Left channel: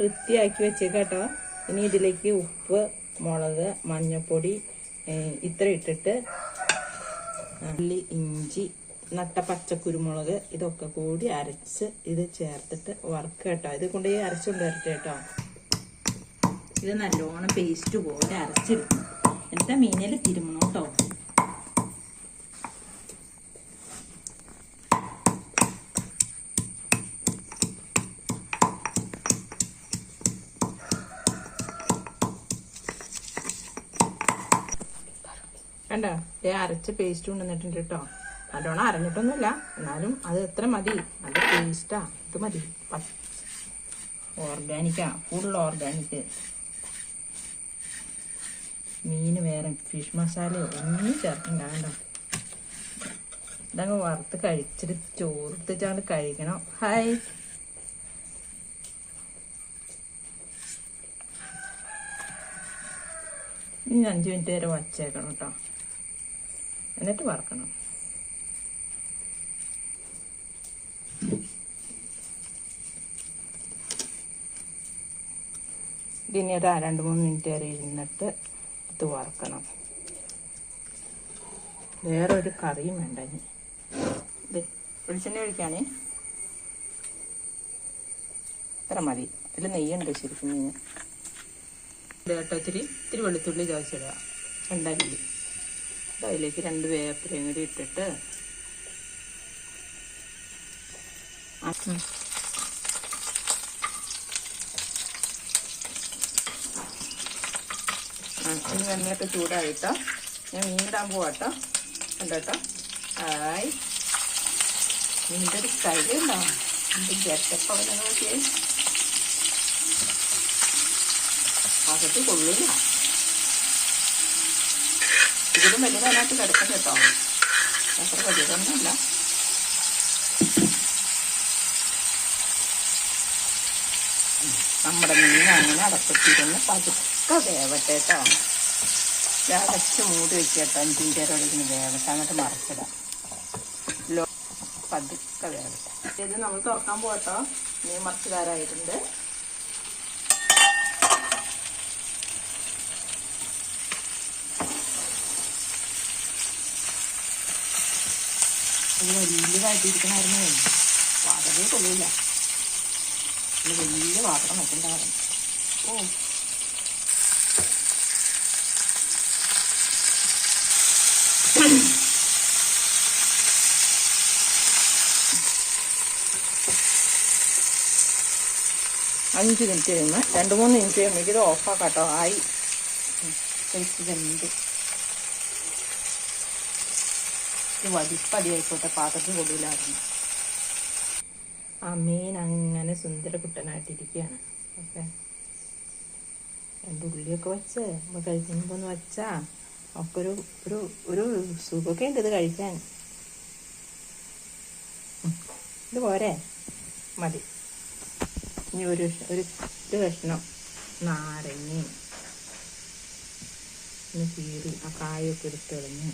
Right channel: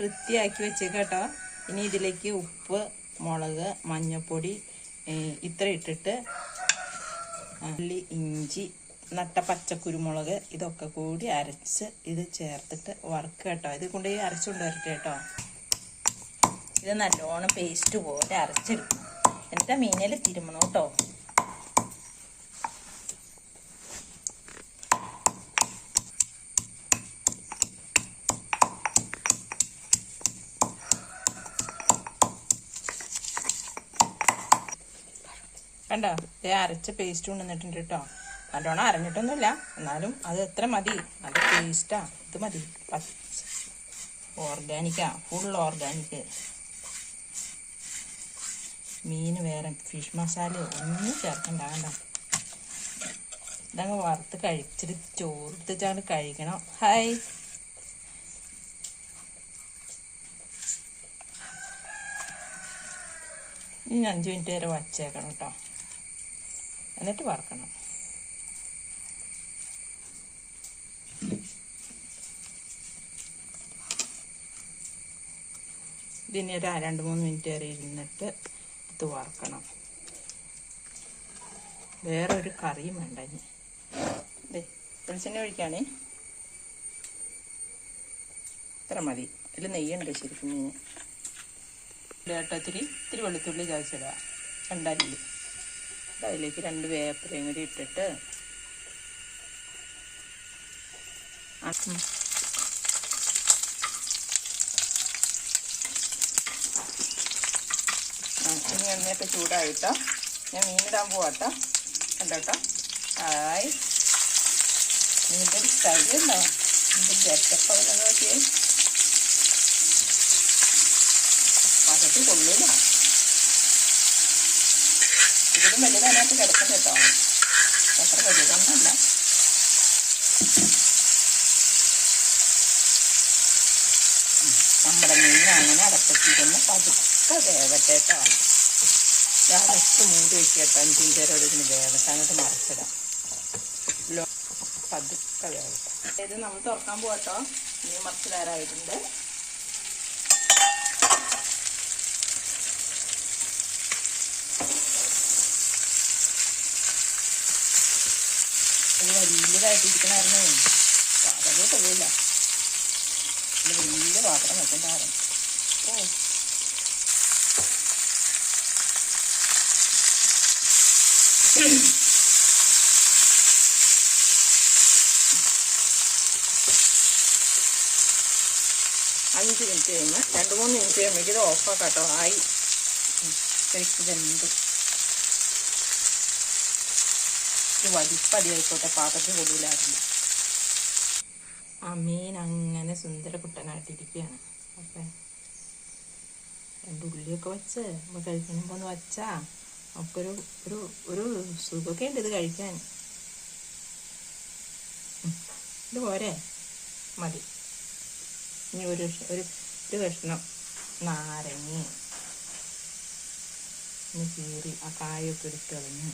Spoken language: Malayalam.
വൃത്തിയാക്കി വെച്ചേക്കാട്ടോ. ഇനി ഇതിലേക്ക് ഉപ്പ്, മുളക്, മഞ്ഞൾപ്പൊടി ഇത്ര ഇട്ടിട്ട് ഉള്ളി, ഇഞ്ചി, നട്ട പച്ചക്കുരുമുളക് ഇതൊക്കെ കൂടി അരച്ച് ഇത് ചേർത്തിട്ട് വറുക്കുക കേട്ടോ. ഇത് കൊണ്ട് അരച്ചുകൊണ്ട് വരട്ടെ കേട്ടോ. ഇത് നല്ലോണം പേസ്റ്റ് പോലെ അരച്ചെടുക്കും. എന്നിട്ട് മീനിൽ തിരുമണം കേട്ടോ. കണ്ടോ, അരച്ച പേസ്റ്റ് കൊണ്ടുവന്നിട്ടുണ്ട് കേട്ടോ. നല്ലോണം അരഞ്ഞിട്ടൊന്നുമില്ല, എന്നാലും അത് എത്ര മതി. അത് പേസ്റ്റാ, ഇത് മതി. ഓർഗാനിക്കാ, ഫുൾ ഓർഗാനിക്. മീൻ വേറെ ഫിഷ് മസാല ഒന്നും ചേർക്കണ്ട. കണ്ടോ, ഇതങ്ങ് വറുത്ത് കഴിച്ചിട്ട് ചോറിട്ട് കഴിക്കണം. ഹായ്. ഇനി 5 മിനിറ്റ് വരെ വച്ചേക്കണം കേട്ടോ. എന്നിട്ട് വറുക്കണം. ഇതിന് 2-3 മിനിറ്റ് വരെ ഇരുന്നിട്ട് ഇത് വറുക്കണം. വേറൊരു കറിയും വേണ്ട. ഇനി ഇത് വെളിച്ചെണ്ണ ഒഴിക്കാണേ. ഇത്ര മതി. ഇതിൽ നെയ്യുണ്ട് ശരിക്കും മീൻ. കേട്ടോ, ഇത്തിരി വെളുത്തുള്ളി ചതച്ചിടുക, 2 അല്ലി. അതിലേക്ക് 2 വേപ്പിലയും കൂടി ഇട്ടിട്ട് ഇനി എണ്ണയൊക്കെ ചൂടായിട്ടോ. ഞാൻ മീനിടാൻ പോവാട്ടോ. കണ്ടോട്ടോ. ഹായ്. ഇതിൻ്റെ ഒരു സ്റ്റൈലുണ്ടോ? ഇതിൻ്റെ ഗെറ്റപ്പ് അവിടെ നോക്കിയേ. പാകത്ത് കൊള്ളില്ല. ഇതിലും വലിയ അതിനകത്ത് കിടക്കും കേട്ടോ. അത്ര വലിയതൊന്നുമല്ല. നമ്മുടെ മീൻ അങ്ങനെ അടപ്പത്തിരുന്ന് പതുക്കെ വേവട്ടെ കേട്ടോ. അടച്ച് മൂടി വയ്ക്കുക കേട്ടോ. 5 മിനിറ്റ് വരെ ഒഴിക്കുന്ന വേവട്ടെ. എന്നിട്ട് മറച്ചിടാം. പതുക്കെ വേവട്ടെ. ഇത് നമ്മൾ തുറക്കാൻ പോകട്ടോ. മീൻ മറച്ചിടാറായിട്ടുണ്ട്. ഇത് വലിയതായിട്ടിരിക്കണമായിരുന്നു. പാത്രമേ കൊള്ളില്ല. ഇത് വലിയ പാത്രം വെച്ചിട്ടുണ്ടായിരുന്നു. ഓ, അഞ്ച് മിനിറ്റ് കഴിഞ്ഞ് 2-3 മിനിറ്റ് കഴിയുമ്പോൾ ഇത് ഓഫാക്കാം കേട്ടോ. ആയി വെന്ത് വലിപ്പടിയായിക്കോട്ടെ. പാത്രത്തിൽ കൊള്ളില്ലായിരുന്നു. ആ മീൻ അങ്ങനെ സുന്ദരകുട്ടനായിട്ടിരിക്കുകയാണ്. ഓക്കെ, 2 ഉള്ളിയൊക്കെ വെച്ച് നമ്മൾ കഴിക്കുമ്പോൾ ഒന്ന് വച്ചാൽ ഒക്കെ ഒരു സുഖമൊക്കെ ഉണ്ട് ഇത് കഴിക്കാൻ. ഇത് പോരെ, മതി. ഇനി ഒരു കഷ്ണം നാരങ്ങ കീറി ആ കായൊക്കെ എടുത്തെറിഞ്ഞ്